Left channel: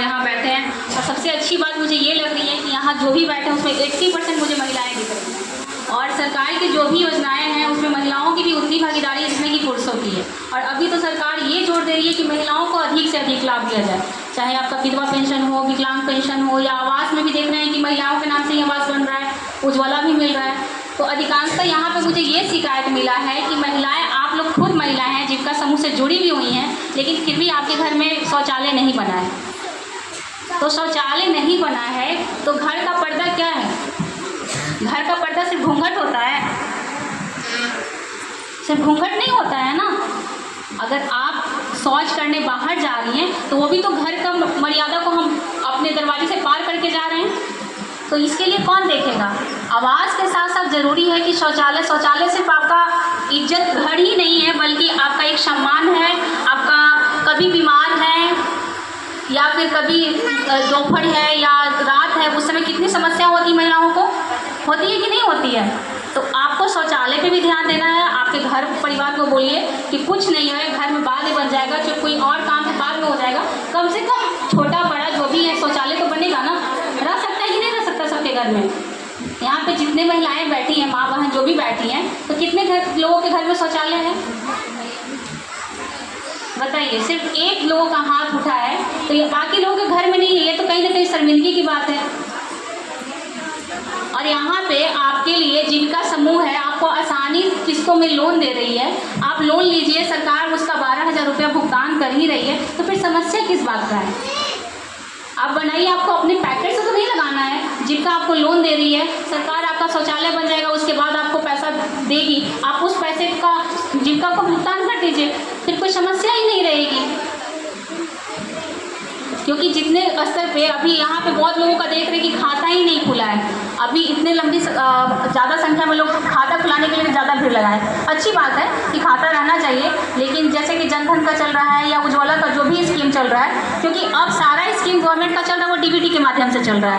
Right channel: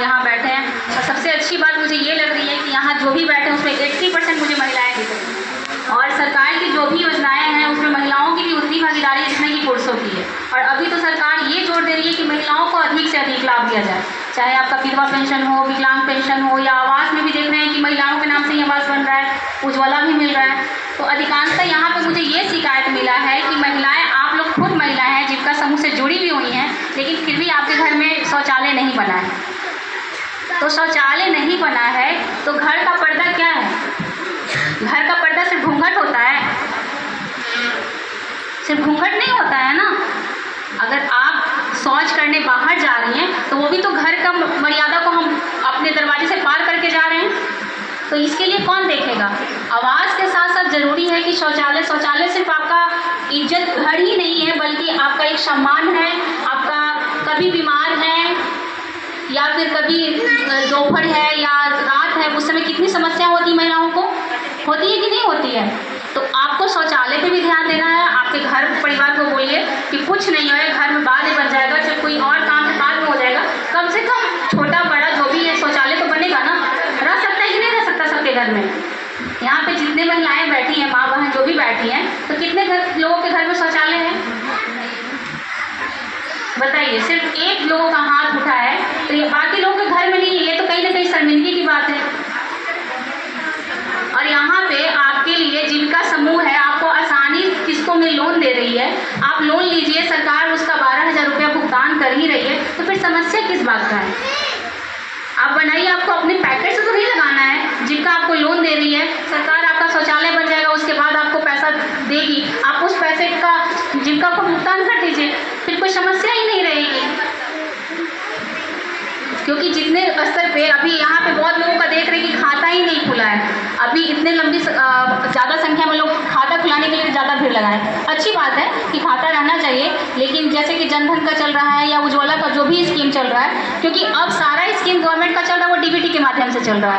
यहाँ बैठे हैं और सबसे अच्छी बात मुझे ये लग रही है कि यहाँ जो भी बैठे हैं उसमें 80% मुझे महिलाएं दिख रही हैं और सरकार की जो भी योजनाएं हैं उसमें महिलाओं की भी उतनी भागीदारी है जितने की पुरुषों की है। और अभी तो सरकार ये जोर दे रही है कि महिलाओं को अधिक से अधिक लाभ दिया जाए, चाहे आपका विधवा पेंशन हो, विकलांग पेंशन हो, या आवास में भी देख रहे हैं कि महिलाओं के नाम से ही आवास बन रहा है, उज्ज्वला भी मिल रहा है। तो अधिकांशतः यहाँ पे मुझे ये शिकायत मिला है कि महिलाएं, आप लोग खुद महिलाएं हैं जीविका समूह से जुड़ी भी हुई हैं, लेकिन फिर भी आपके घर में शौचालय नहीं बना है। तो शौचालय नहीं बना है तो घर का पर्दा क्या है? घर का पर्दा सिर्फ घूंघट होता है? सिर्फ घूंघट नहीं होता है ना। अगर आप शौच करने बाहर जा रही हैं तो वो भी तो घर का मर्यादा को हम अपने दरवाजे से पार करके जा रहे हैं, तो इसके लिए कौन देखेगा? आवास के साथ साथ ज़रूरी है कि शौचालय सिर्फ आपका इज्जत घर ही नहीं है, बल्कि आपका एक सम्मान है। आपका कभी बीमार है या फिर कभी दोपहर है या रात है, उस समय कितनी समस्या होती महिलाओं को, होती है कि नहीं होती है? तो आपको शौचालय पे भी ध्यान देना है। आपके घर परिवार को बोलिए कि कुछ नहीं है, घर में बाद में बन जाएगा, जब कोई और काम बाद में हो जाएगा, कम से कम छोटा बड़ा जो भी है शौचालय तो बनेगा ना। रह सकता है कि नहीं रह सकता सबके घर में? यहाँ पे जितने महिलाएं बैठी हैं, माँ बहन जो भी बैठी हैं, तो कितने लोगों के घर में शौचालय है बताइए? सिर्फ एक लोगों का हाथ उठा है, तो ये बाकी लोगों के घर में नहीं है। ये तो कहीं ना कहीं शर्मिंदगी की बात है। और यहाँ पे आपके लिए जीविका समूह है, आपको आसानी किस्तों में लोन दे रही है, आप लोन लीजिए, सरकार उसका 12,000 रुपया भुगतान कर ही रही है, तो फिर समस्या किस बात का है? आप बनाइए, आपको अपने पैकेट से तो नहीं लगाना है। जीविका आपको लोन दे रही है, सरकार आपका शौचालय बन जाएगा, उसके बाद आपको पैसा देगी, आप उस पैसे का जीविका को भुगतान कर दीजिए, फिर कोई समस्या ही नहीं रहेगी। क्योंकि जितने स्तर पे अभी यहाँ पे बहुत लोगों का देख रहे हैं कि खाता ही नहीं खुला है, अभी इतने लंबी ज़्यादा संख्या में लोग खाता खुलाने के लिए ज़्यादा भीड़ लगाए। अच्छी बात है कि खाता रहना चाहिए, लेकिन जैसे कि जनधन का चल रहा है या उज्ज्वला का जो भी स्कीम चल रहा है, क्योंकि अब सारा स्कीम गवर्नमेंट का चल रहा है वो डीबीटी के माध्यम से चल रहा है।